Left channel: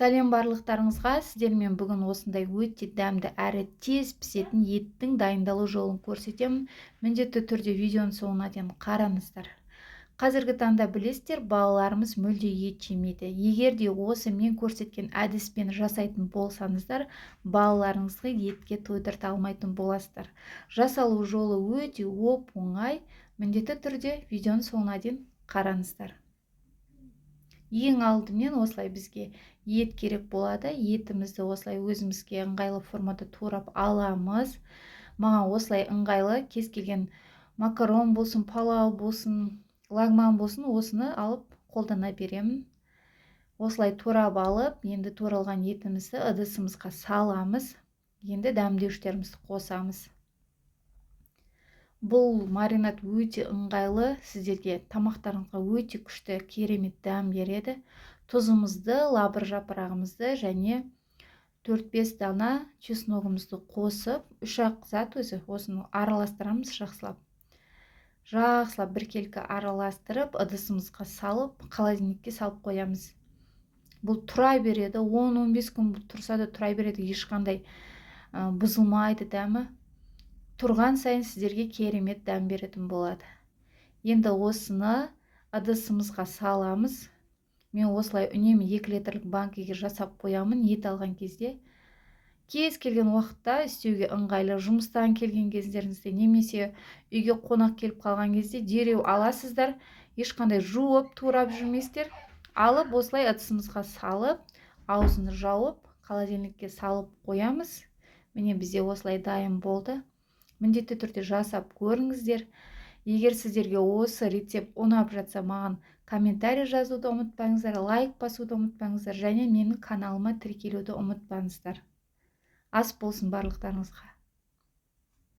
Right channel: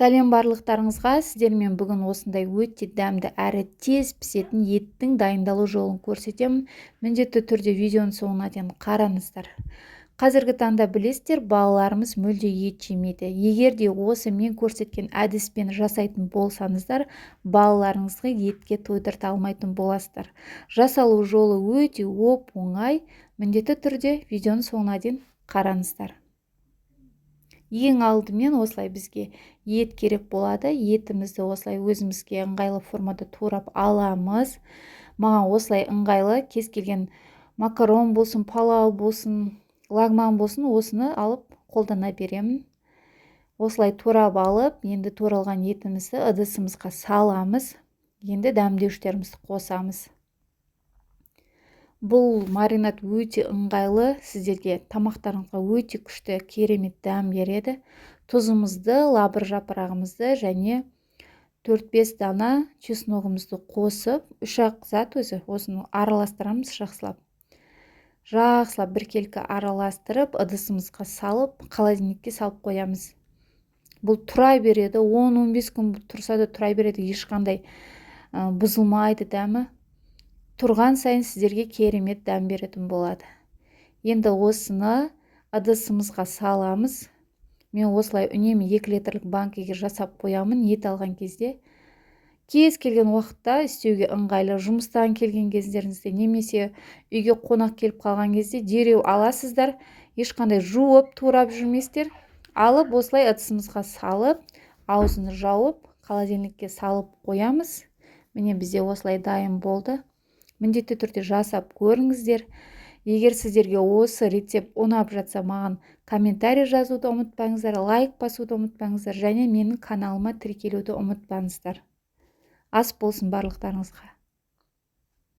Сәлем барлықтарыңызға. Сіздермен бүгін осындай өте дәмді әрі тез пісетін еттің дайындалу жолын көрсетемін. Міндетті түрде видеоның соңына дейін қараңыздар. Қазіргі таңда білесіздер, балаларымыз мүлде ет жемейді. Егер де осы мен көрсеткен әдіспен жасайтын болсаңыздар, балаларыңызға етке тойдырта алмайтын боласыздар. Жасалу жолы өте оп-оңай. Міндетті түрде видеоның соңына дейін қараңыздар. Ең алдымен осылай бізге ет керек болады. Етімізді осылай өзімізге ыңғайлы формада турап аламыз. Маған осылай ыңғайлы, кез келген макарон болсын, палау болсын, лагман болсын, осыны алып қолдана беремін. Осылай турап алып, енді туралған етімізді ыдысымызға саламыз. Енді дәмдеуштерімізді қосамыз. Бұл маринад өте ыңғайлы, сіздерге тамақтарыңызға өте күшті, керемет дәм береді. Тұзымызды, лабыр жапырағымызды және 4-5 дана чесногымызды қосып, 3-ақ зат өзі, осыны араластырамыз жақсылап. Жақсылап біркелкі араластырып, ыдысымызға салып, холодильникке салып қоямыз. Бұл тұра береді, 10-15 күн тұрса да тұра береді, ешқандай бұзылмайды дәмі. Тұрған сайын сіздерге керемет дәм беретін болады. Енді осыны ыдысымызға саламыз. Мен осылай үнемі 2 литрлік банкеге жасап қоямын ет алған кезде. Кез келген уақытта істеуге ыңғайлы, жұмыстан келген кездеріңізде немесе үйге қонақ келіп қалған кезде дереу аласыздар, ешқандай жуып, турап жүрмейсіздер. Алып осылай ыдысымызға салып, аузын жауып, холодильникке салып қоямыз. Міне бізде осылай дайын болды. Міндетті түрде жасап көріңіздер. Егер сіздерге осы рецепт ұнап жатса, маған комментарий жазуды ұмытпаңыздар, лайк басуды ұмытпаңыздар және менің каналыма тіркелуді ұмытпаңыздар. Ас болсын барлықтарыңызға.